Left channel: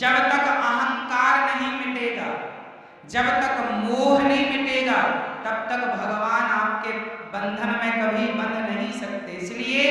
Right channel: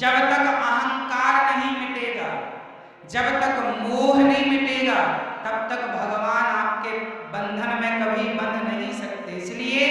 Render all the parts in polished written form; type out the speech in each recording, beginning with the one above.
जब तक अहंकार नहीं मिटेगा, जब तक मोह नहीं मिटेगा, तब तक भगवान आपके बंधन में कभी बंध नहीं सकते। इसलिए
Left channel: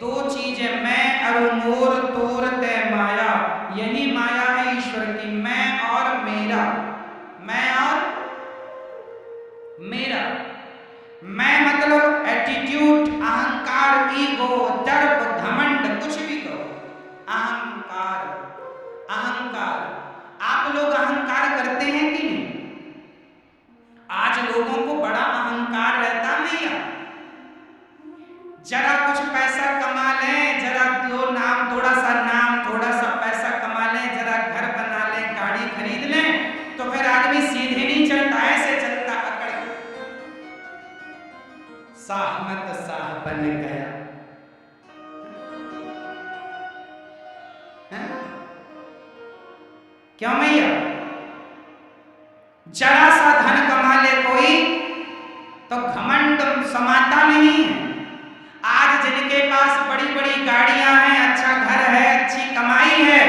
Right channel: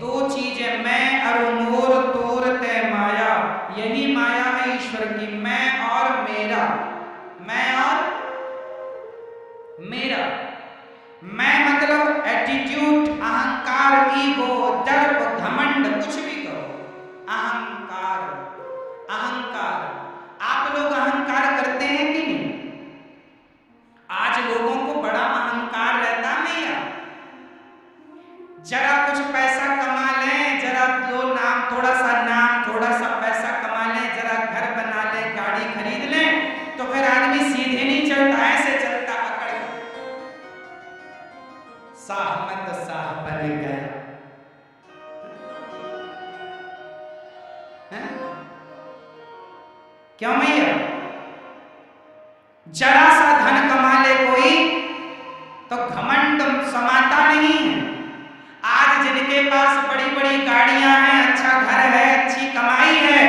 दो चीजें, मैं और मोर तोर तय माया, यही माया है ईश्वर की, मैं और मेरा, मैं और मेरा। मैं मतलब एटीट्यूड, अहंकार, ईगो, दर्प, घमंड, कुछ भी कहो, अहंकार, अहंकार। आप लोग अहंकार करते हैं कि नहीं? आज लोगों को बड़ा अहंकार रहता नहीं यार, जरा कुछ पैसा कमा लें, जरा दो नाम, थोड़ा सा पैसा कमा लें, जरा घर बना लें, गाड़ी खरीद लें, तो फिर आदमी सीधे नहीं चलता, ऐसे चलता अकड़ के। साहमत साह बन गया है? क्यों मैया? जरा सा धन कमा ले कोई तो घमंड समाता नहीं है। आज जिनके पास बड़ी बड़ी गाड़ियां हैं, अच्छा घर है, अच्छी कमाई है,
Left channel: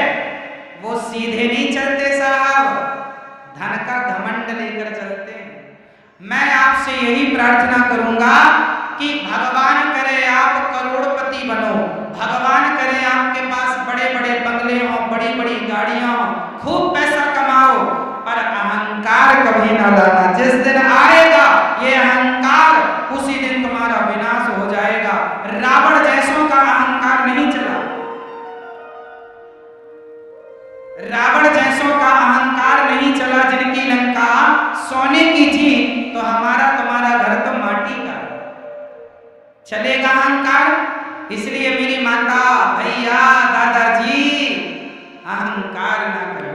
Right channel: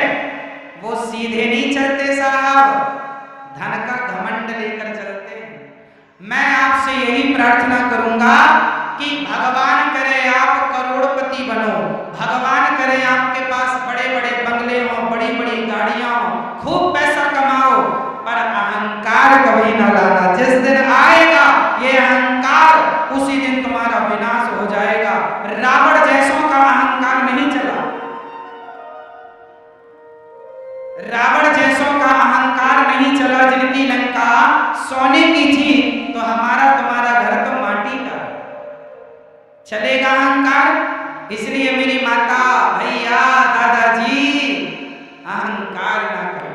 वो सीधे नहीं चलते साहब, धन का घमंड लेकर चलते हैं। मैं आपसे यही प्रार्थना करूंगा कि भगवान करे आप करोड़पति बनो, भगवान करे आपके पास बड़े बड़े बंगले हों, बड़ी बड़ी गाड़ियां हों, खूब पैसा कमाओ, पर अहंकार कभी ना लाना। जिस दिन आएगा ये अहंकार, उसी दिन तुम्हारा विनाश हो जाएगा। रावण जैसों का अहंकार नहीं चला, रावण जैसों का अहंकार नहीं चला, जिनकी लंका सोने की थी, तो हमारा तुम्हारा घर तो माटी का। चलेगा अहंकार? इसलिए मेरी माता, भैया, दादाजी, अहंकार ना करो।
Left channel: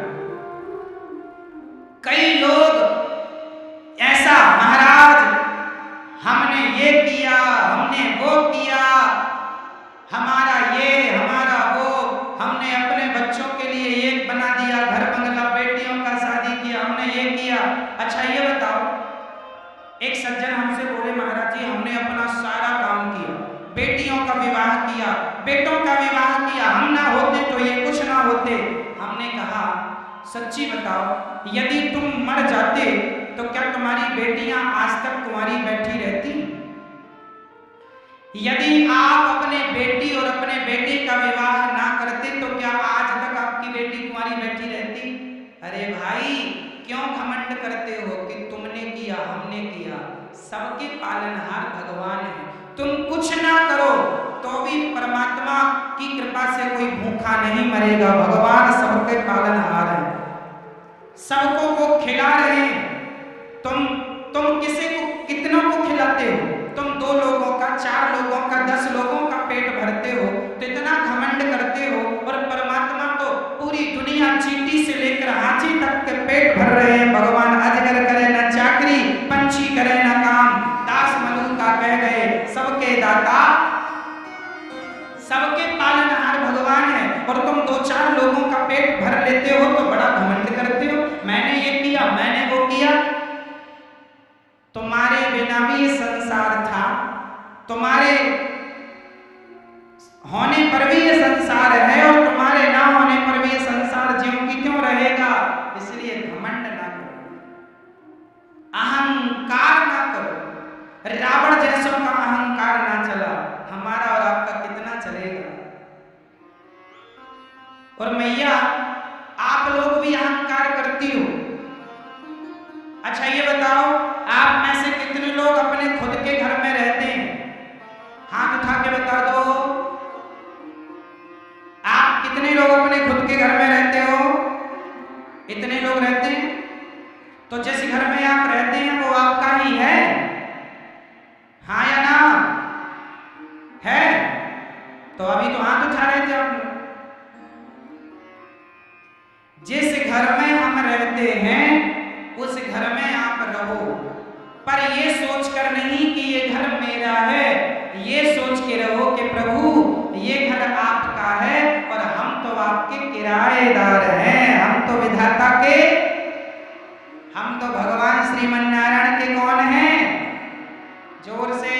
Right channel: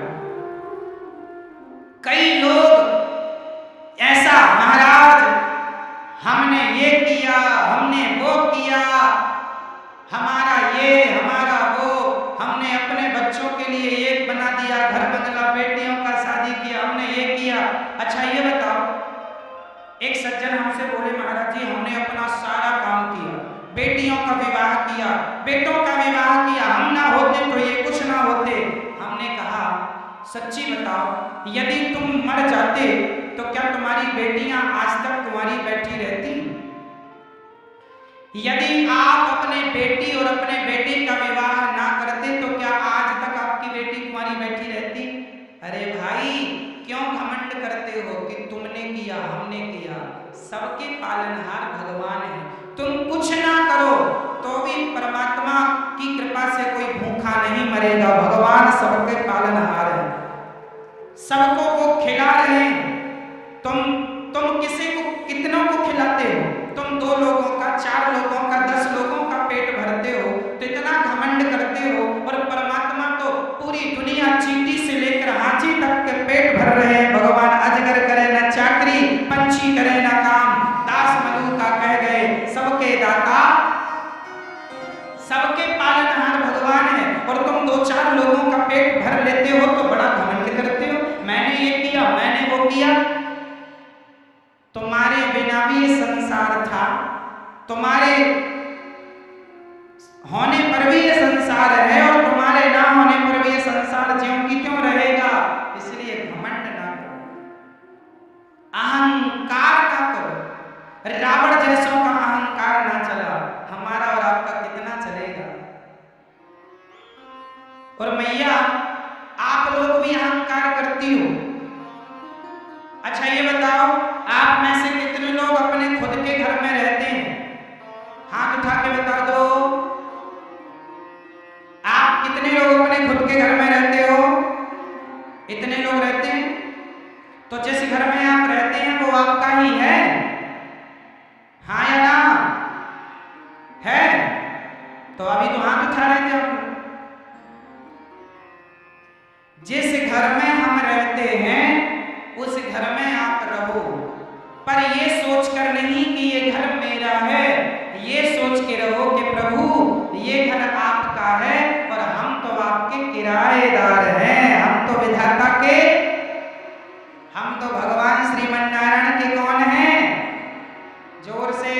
कई लोग ऐसा, महाराज हमने ये किया, हमने वो किया, हमारा ये, हमारा वो, हमने अपने बच्चों के लिए ये बना दिया, घर बंगला, बेटियों का शादी किया, हमने ये किया। अच्छा ये बताओ, एक सज्जन हमसे बोले, महाराज जी हमने अपना सारा काम किया, बेटियों का विवाह किया, बेटों का विवाह किया, हम ना होते तो ये कुछ ना होते। हमने कहा सच्ची बताओ, यदि तुम मर जाते तो क्या तुम्हारी बेटियां आज तक कुंवारी बैठी रहती? यदि आप अपने बेटी और अपने बेटे का विवाह ना करते तो क्या आज तक आपकी बेटी कुंवारी बैठी रहती? अरे भाई क्यों घमंड करते हो कि तुमने किया, हमने किया? सबके पालनहार भगवान है। तुम कुछ ना करो तो भी परमात्मा की कृपा से कोई भूखा नहीं मरेगा। भगवान सबके पालनहार है, सबको वो खिला रहे हैं। तुम किसी को, कितनों को खिलाते हो? तुम 2 लोगों का, 4 लोगों का, 10 लोगों का पेट भरते हो तो इतना घमंड करते हो, और परमात्मा तो पूरी दुनिया, चींटी से लेकर हाथी तक के पेट भर रहे हैं। भगवान अजगर करे न चाकरी, पंछी करे न काम, दास मलूका कह गए सबके दाता, सबके पालनहार भगवान है। और तुम 2-4 लोगों का पेट भर लेते हो तो बड़ा घमंड करते हो, मैंने ये किया, मैंने वो किया। तुम्हारे बिना भी ये संसार था, तुम्हारे होने पर भी ये संसार है, और तुम्हारे ना होने पर भी ये संसार ज्यों की त्यों रहेगा। इसलिए घमंड ना करो, अहंकार ना करो। रावण जैसों का अहंकार ना चला, हमारा और आपका कितना चलेगा? और मैया आप लोग भी अहंकार करती हो। अच्छा ये बताओ, आप में से कितने लोग अपने खुद के घर में रहते हैं? हाथ उठा के बता दो। आप कितने लोग अपने खुद के घर में रहते हो? इतने लोग रहते हैं। तो जिस घर में आप रहते हैं वो आपका ही है, हाँ या ना? है तो अभी तो हाथ उठा रहे थे आप लोग। जिस घर में हम रहते हैं उस घर में आप रहो, पर ये सोचकर नहीं कि ये घर मेरा है, ये सोच के रहो कि प्रभु ये घर आपका है और हम तो आपके किराएदार हैं। हम तो विधाता के, हम तो भगवान श्रीमन्नारायण के कौन हैं? जोर से,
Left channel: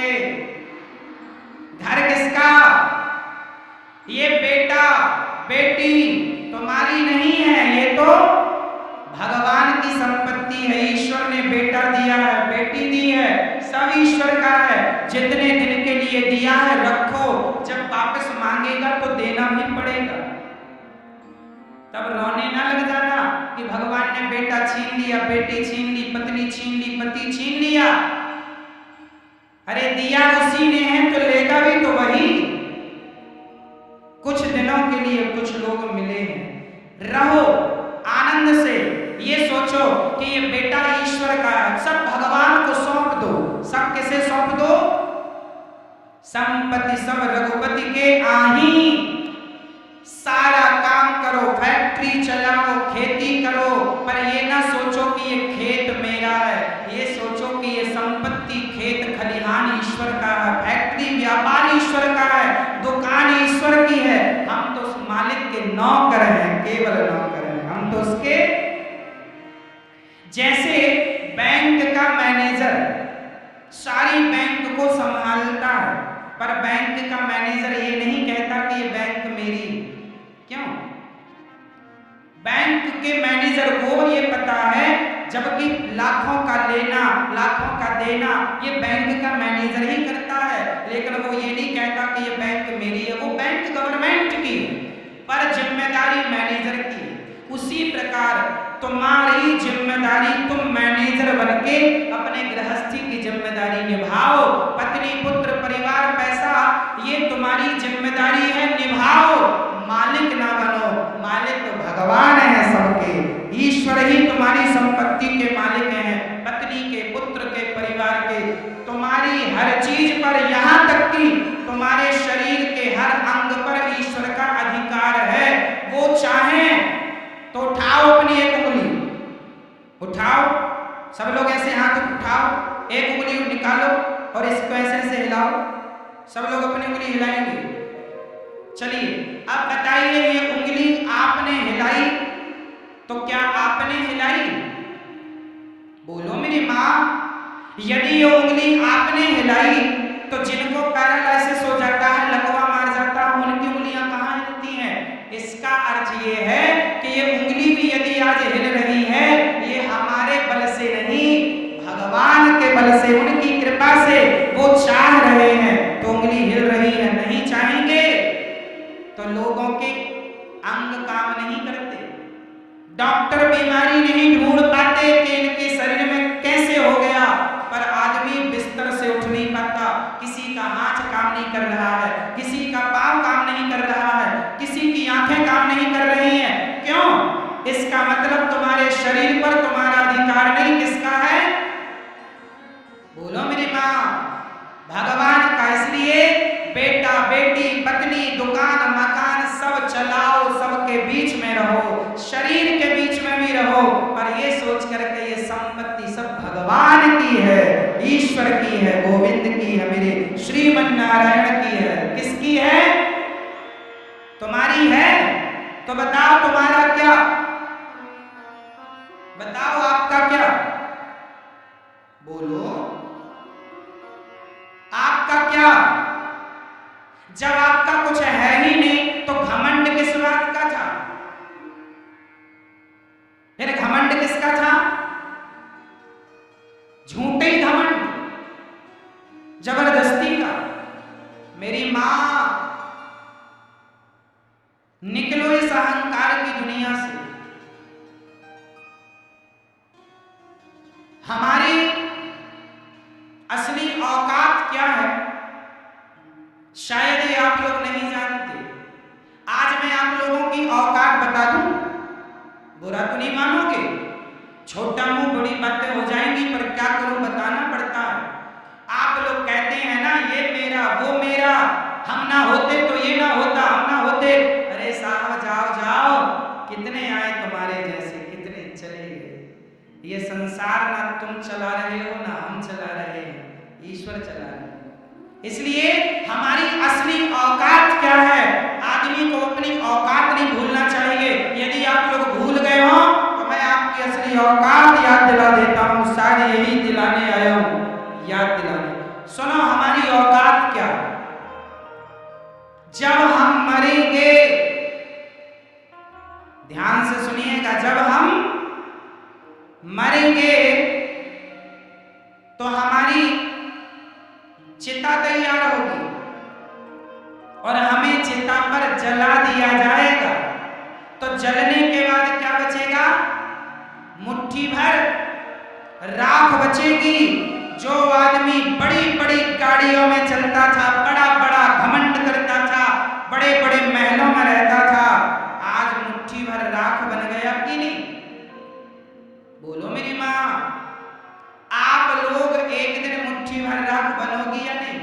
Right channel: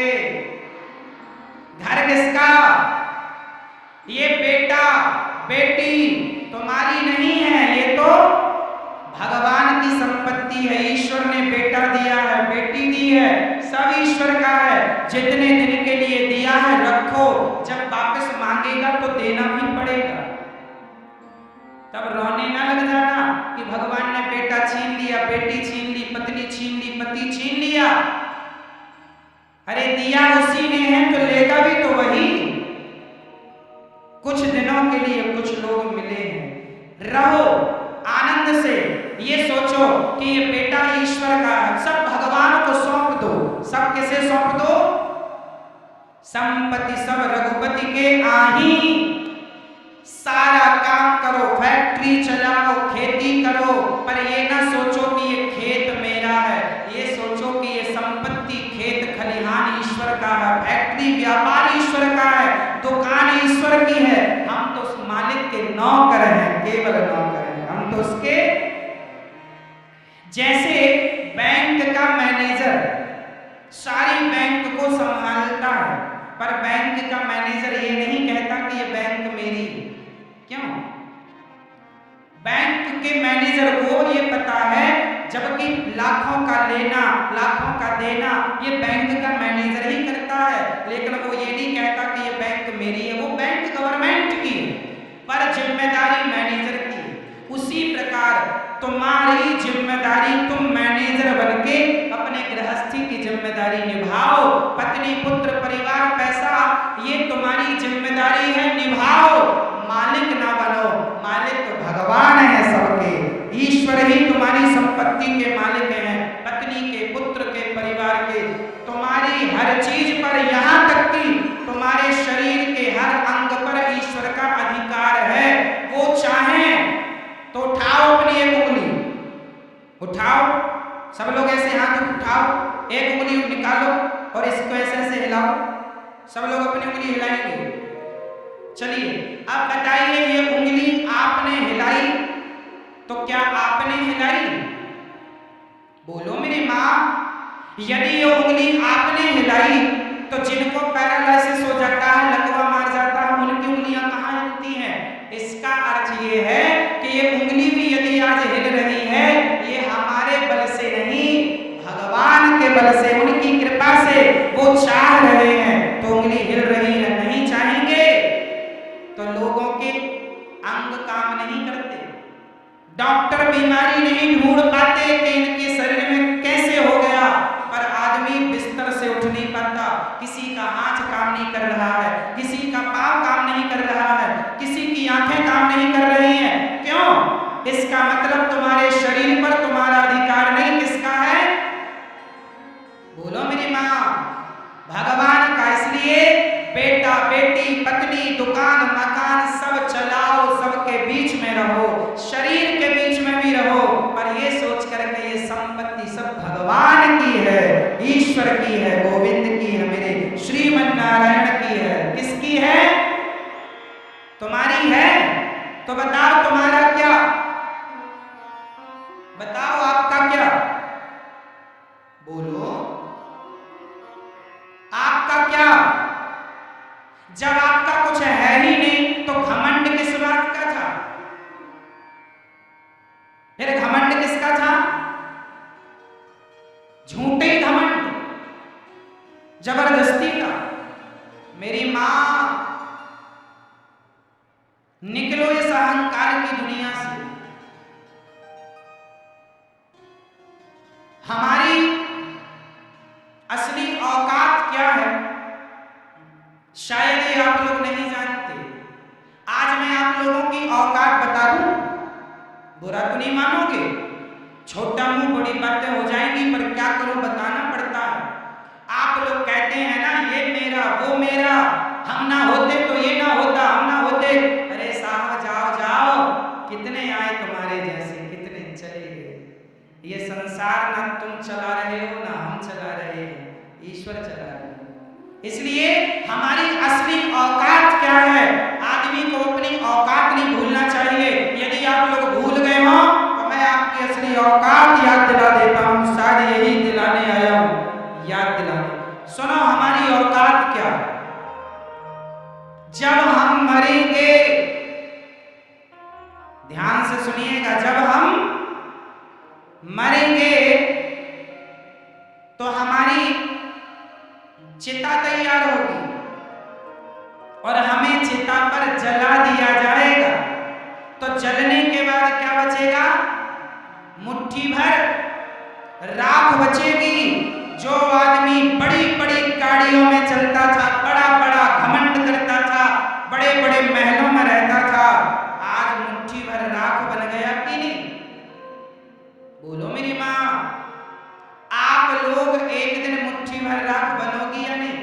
घर किसका? ये बेटा बेटी तुम्हारी नहीं है, ये तो भगवान की संपत्ति है। ईश्वर ने बेटा दिया है, बेटी दी है, सब ईश्वर का है। जितने दिन के लिए दिया है रखो, जब वापस मांगेगा तो देना भी पड़ेगा। तब रोने ना लग जाना कि भगवान ने बेटा छीन लिया, बेटी छीन ली, पत्नी छीन ली, पति छीन लिया। अरे दिया उसी ने है तो लेगा भी तो वही। कुछ दिनों के लिए कुछ लोग मिले हैं, रहो आनंद से। ये सोचो कि ये बेटा ईश्वर का है, सब भगवान को सौंप दो। सब किसे सौंप दो? संपत्ति सब रघुपति के आही। सारा काम करो, फैक्ट्री चलाओ, खेती करो, पर ये ना सोचो कि ये खेत मेरा है। ये सोचो कि ये संपत्ति, खेत खलिहान ईश्वर का है, फैक्ट्री व्यापार ईश्वर का है, दुकान ईश्वर की है। हम तो उस मालिक के नौकर हैं, केवल नौकर हैं हम तो उसके। जैसे बैंक का मैनेजर सारी बैंक को संभालता है, पर बैंक का मैनेजर ये नहीं कहता कि ये बैंक मेरी है। क्यों? बैंक के मैनेजर को ये पता है, जबकि लाखों का लेना लाखों का देना ये बैंक का मैनेजर ही करता है, लेकिन वो ये नहीं कहता कि ये बैंक मेरी है। वो बैंक गवर्नमेंट की है, पर जिम्मेदारी मैनेजर की है। उसी प्रकार तुम्हारी जिम्मेदारी, तुम मैनेजर बनके अपने गृहस्थी की जिम्मेदारी निभाओ। पत्नी, पुत्र, परिवार, पैसा, ये तुम्हारी जिम्मेदारी है, निभाओ। मालिक ना बनो, मालिक तो भगवान है सबके। ईश्वर ही तुम्हारी संपत्ति के मालिक हैं, पत्नी के, पुत्र के, परिवार के, तुम्हारी हर चीज पर, यहां तक कि तुम्हारे शरीर के हर अंग पर ईश्वर का अधिकार है। वो चाहें तो उठाओ अपनी एक उंगली, उठाओ, सब लोग ऐसे हाथ उठाओ, एक उंगली निकालो और इसको ऐसे ऐसे हिलाओ। सब लोग अपनी उंगली हिलाएंगे। चलिए अब बताइए, ये उंगली आपने हिलाई तो क्या आपने हिलाई? बोलो मेरी माँ। यदि ये उंगली आपने हिलाई तो जिनको पैरालिसिस हो जाता है, लकवा मार जाता है, उनकी उंगलियां कहाँ हिलती हैं? इसका अर्थ ये है कि ये उंगली भी यदि आज हिल रही है, ये हमारे बल से नहीं, भगवान के बल से, उनकी कृपा से वो चाह रहे हैं तो उंगली हिल रही है। नहीं चाहेंगे तो लोगों के अंग काम नहीं करते, डॉक्टर बीमारी नहीं ढूंढ पाते कि इनके शरीर में कैसे हो गया, पर आदमी बिस्तर से उठ नहीं पाता। किसी का हाथ काम नहीं कर रहा है, किसी का पांव काम नहीं कर रहा है, किसी की आंखें काम नहीं कर रही हैं। क्यों? इसका मतलब तुम्हारे शरीर पर तुम्हारा अधिकार नहीं। किसका है? बोलो मेरी माँ। भगवान का। इसलिए बेटा, बेटी, पत्नी, दुकान, मकान सब चलाओ, सबके बीच में रहो, शरीर के बीच में भी रहो, पर ये सोच करके ये संपत्ति सब भगवान की है, ईश्वर की है, गोविंद की है, मेरे श्रीमन नारायण की है। किसकी है? तुम्हारी है? तो बताओ तुम्हारा क्या? बताओ आपका क्या? बोलो आपका क्या? जब आपका कुछ है ही नहीं तो घमंड किस बात का था? फिर घमंड किसका था? झूठे घमंड, जबरदस्ती का। मेरी मां, निकलो इस अहंकार की दुनिया से। हमारी असली औकात क्या है शायद ये आप लोग नहीं जानते। आज मैं आप लोगों की औकात बता दूं, बुरा तो नहीं मानोगे। छोटा मुंह बड़ी बातें हो जाएंगी, पर क्या करूं, बताना पड़ता है। आप लोग कहते हैं ना, ये मेरा, वो मेरा, हम ना होते तो ये ना होता, हम ना होते। अरे साहब जाओ जाओ, कितने आए तुम्हारे जैसे, कितने चले गए। ये संसार ना तुम चला रहे हो ना हम चला रहे हैं, ईश्वर चला रहे हैं। इसलिए हमारी असली औकात क्या है, आदमी को अपनी औकात नहीं भूलना चाहिए। यदि आप लोग भूल गए हो तो मैं आपकी असली औकात याद दिला देता हूं। शायद यही दिलाने आया हूं, याद दिलाने। सुनो हमारी औकात क्या। जब हम मरेंगे, ध्यान से सुनिएगा, जब हम मरेंगे तो हमारी चिता तैयार होगी और हमें चिता पर जला दिया जाएगा। तो जलने के बाद क्या बचेगा? मुट्ठी भर राख बचेगी। जो आदमी बड़ी बड़ी गाड़ियों में चलता था, बड़ा बड़ा घमंड करता था, बड़े बड़े महलों में रहता था, आज मुट्ठी भर राख बन गया कि नहीं? बोलो मेरी माँ, आप लोग एक दिन मुट्ठी भर राख बनोगी या नहीं?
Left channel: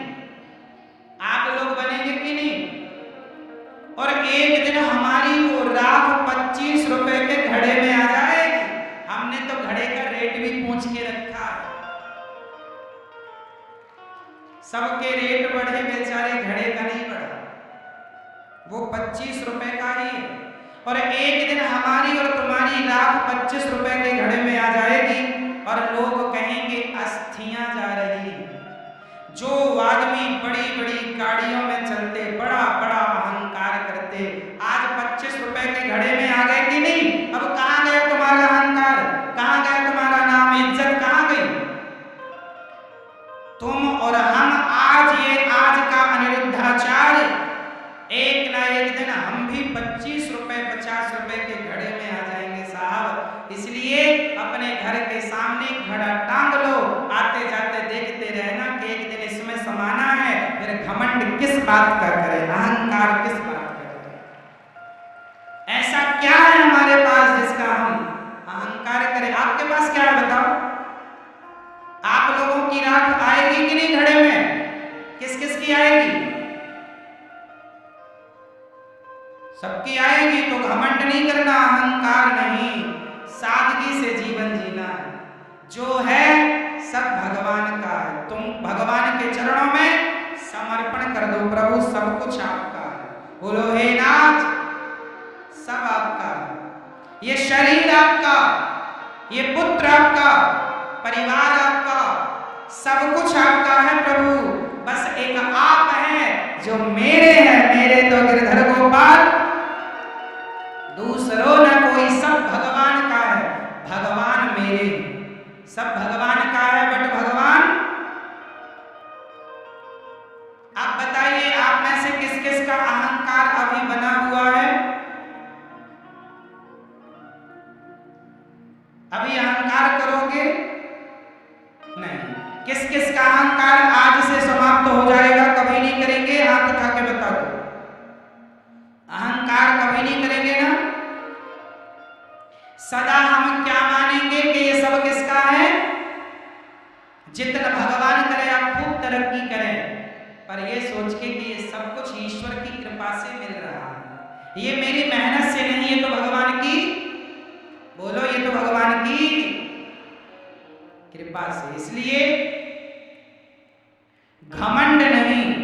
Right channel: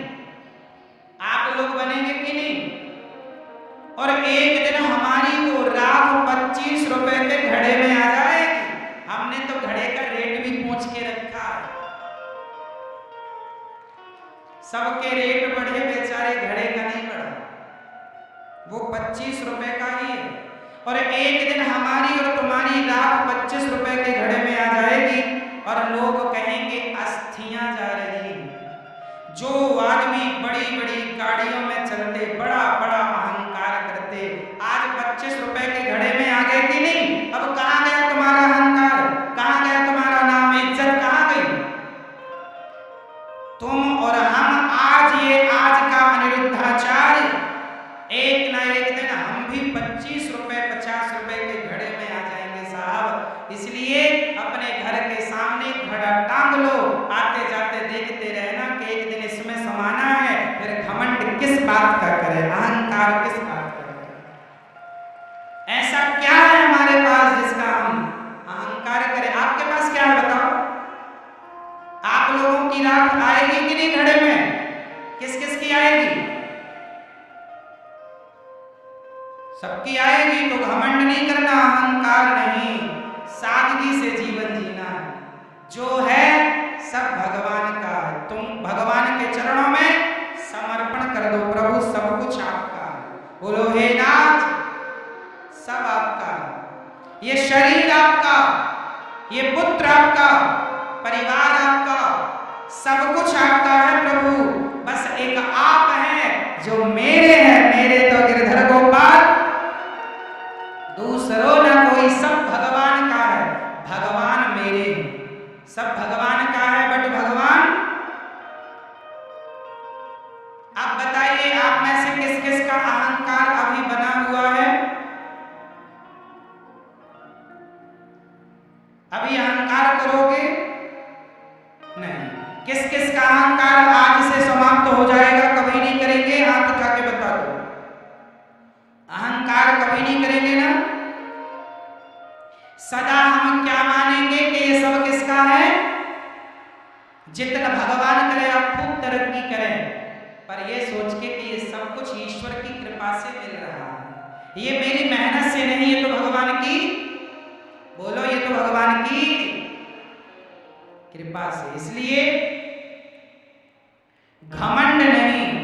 आप लोग बनेंगे कि नहीं? और एक दिन हमारी वो राख 25 रुपए के घड़े में आ जाएगी। हमने तो घड़े का रेट भी पूछ के रखा है। सबके रेट बढ़े, बेचारे घड़े का नहीं बढ़ा, वो 25 रुपए का ही है। और एक दिन हमारी और तुम्हारी राख 25 रुपए के घड़े में आ जाएगी और लोग कहेंगे अस्थियां जा रही। जो आदमी बड़ी बड़ी गाड़ियों में चलते, बड़ा बड़ा अहंकार करते, आज 25 रुपए के घड़े में आ गए कि नहीं? अब कहां गया तुम्हारा अहंकार? कहां गया तुम्हारा नाम, इज्जत कहां गई? तुम और हम आज का अनिरुद्धाचार्य एक ना एक दिन हम भी 25 रुपए 50 रुपए के घड़े में आ जाएंगे साहब। इसलिए अपने घर के सामने घड़ा टांग लो, आते जाते देखते रहना कि एक दिन इसमें समाना है। फिर घमंड किस बात का करें, अहंकार किस बात का करें? ऐसा क्या है हमारे पास जिसका हम अहंकार करें? आपके पास क्या है बताओ? आप लोगों की राख आएगी कि नहीं घड़े में? किस किस की आएगी? सबकी आएगी। तो घमंड नहीं करना, अहंकार नहीं, सादगी से जीवन जीना है। जो है सब भगवान का है। तुम भगवान के चरणों में समर्पण कर दो, प्रभु सब कुछ आपका है। बोलो हे नाथ, सब आपका है। ये शरीर आपका, ये पुत्र आपका, परिवार आपका, सब कुछ आपका है प्रभु। बस एक आप हैं जो मेरे हैं, मेरे तो गिरधर गोपाल, दूसरों ना कोई, सब भगवान का है। भगवान मेरे, सब भगवान का है, बट भगवान। आप बताइए, आप में से किस किस का अहंकार अभी बना हुआ है? अभी अहंकार करोगे? नहीं। किस किस का अहंकार आज से समाप्त हो जाएगा? कभी नहीं करेंगे? हाथ उठा के बता दो। अहंकार कभी नहीं करेंगे ना? सदा हम क्या मानेंगे कि ये सब किसका है? जितना भगवान करे आप खूब तरक्की करें, पर ये सोच के कि ये सब कुछ ईश्वर की कृपा से मिल रहा है, ये मेरी मेहनत से नहीं, ये तो भगवान की, बोलो, ये तो भगवान की कृपा से। इसलिए घमंड नहीं,